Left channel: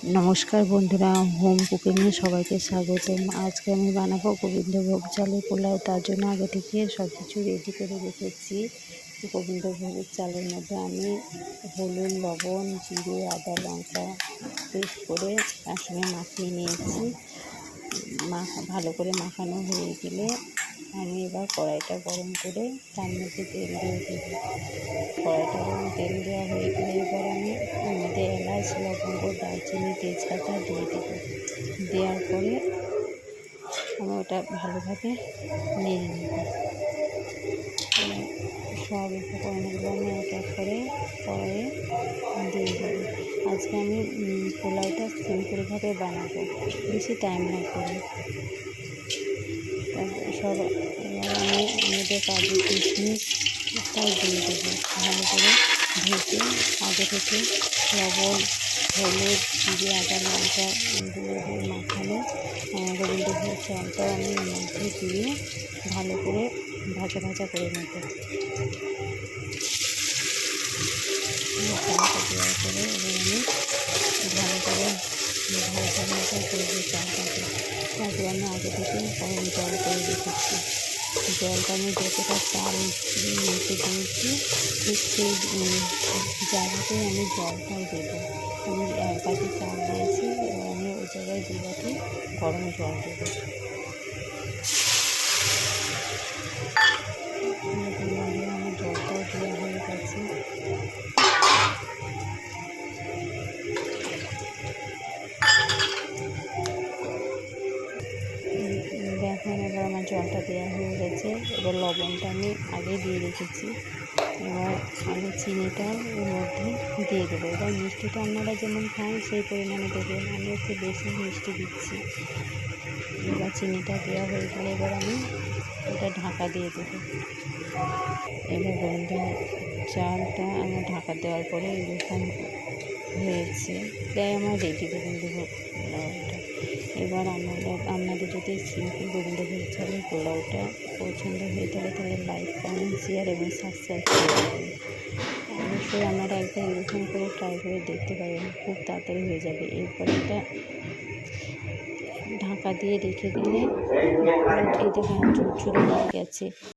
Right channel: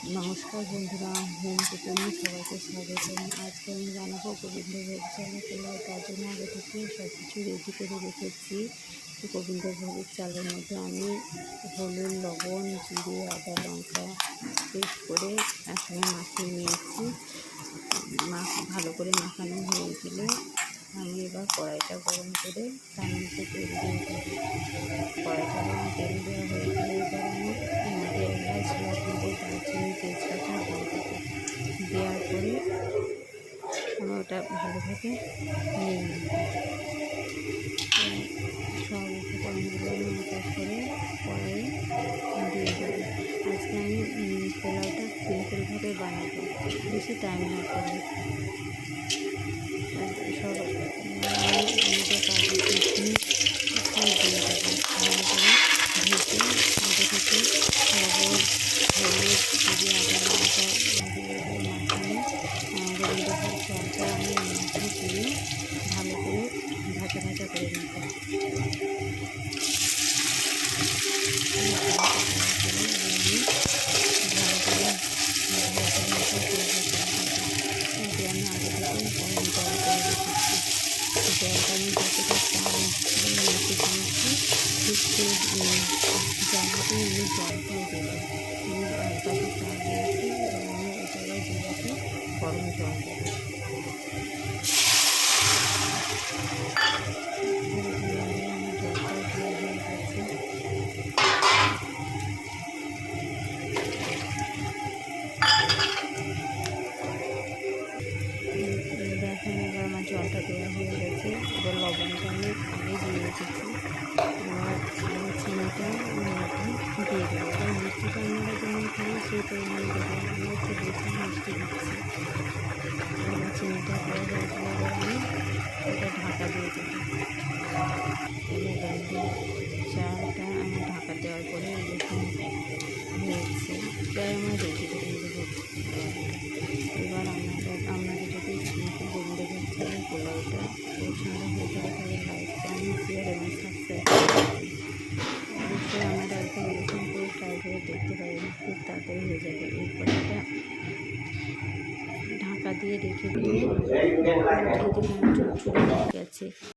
নমস্কার বন্ধুরা, হোম কুকিংয়ে সবাইকে স্বাগতম। আজকে আমি বানাবো গোবিন্দভোগ চালের পোলাও। তার জন্য আগে থেকে সব কিছু রেডি করে রেখেছি। গোবিন্দভোগের চালের মধ্যে আমি হলুদ, লবণ, জিরে, আদা, লঙ্কা পেস্ট করে একসঙ্গে মাখিয়ে নিয়েছি। ভালো করে মাখানো হয়ে গেলে আমি এবার কড়াইটা গরম করে তার মধ্যে তেল দিয়ে দেবো। কড়াইটা গরম তেল দেওয়া হয়ে গেলে এবার আমি এর মধ্যে এলাচ, লবঙ্গ, দারচিনি, তেজপাতা দিয়ে দেবো। দেওয়ার পরে আমি ওটা ভালোভাবে নিয়ে নেব। সব উপকরণগুলো আমি এক এক করে কড়াইয়ে দিয়ে দেবো। আজকে আমি পোলাওটা সিম্পলভাবে বানাবো, বেশি টাইম না করে। সব আমি আমাদের কাজু কিশমিশ সব দিয়ে দেবো। ভালো করে ভেজে আগে থেকে লবণ, হলুদ, জিরে, আদা, লঙ্কা দিয়ে মাখানো গোবিন্দভোগ চালটা আমি মধ্যে দিয়ে ভালো করে ভাজা ভাজা করে নেব। দেওয়ার পরে এবার আমি ভালো করে ভাজা ভাজা করবো চালটাকে। তারপরে আমি আগে থেকে গরম জল করে রেখেছি। জলটা আমি যতটা চাল নিতে দিয়েছি ঠিক সেই জায়গাতেই আমি জলটাও দেবো। এক বাটি চাল দিয়েছি, এবার আমি ওই জায়গায় 2 বাটি গরম জল দেবো। আমার জলটাও দেওয়া হয়ে গেছে। দেখেন এবার আমার জলটা দেওয়া হয়ে গেছে। এবার লবণটা আমি আগে দিয়ে রেখেছি। এবার আমি চিনিটা ওর মধ্যে দিয়ে দেবো। এবার মিষ্টিটা আপনারা যেমন খান সেই পরিমাণে দেবেন। আমি একটু বেশি মিষ্টি দিচ্ছি। এবার চিনিটা দেওয়া হয়ে গেলে এবার আমি এটা ঢাকা দিয়ে দেবো। এবার গোবিন্দ চালটা আমার ঢাকা দেওয়ার পরে এরকম হয়েছে, প্রায় আমার রেডি গোবিন্দভোগ পোলাওটা। এবার আপনাদের যদি সিম্পল গোবিন্দভোগ চালের পোলাওটা পছন্দ হয়ে থাকে তাহলে লাইক, কমেন্ট, শেয়ার এবং সাবস্ক্রাইব করবেন। অবশ্যই আপনারা একবার এরকম করে ট্রাই করে দেখতে পারেন, খুব তাড়াতাড়ি হয়ে যাবে। এরপর একটা ঢাকা দিয়ে রেখে দিলে উঠে দেখুন চুরচুরে হয়ে গেছে।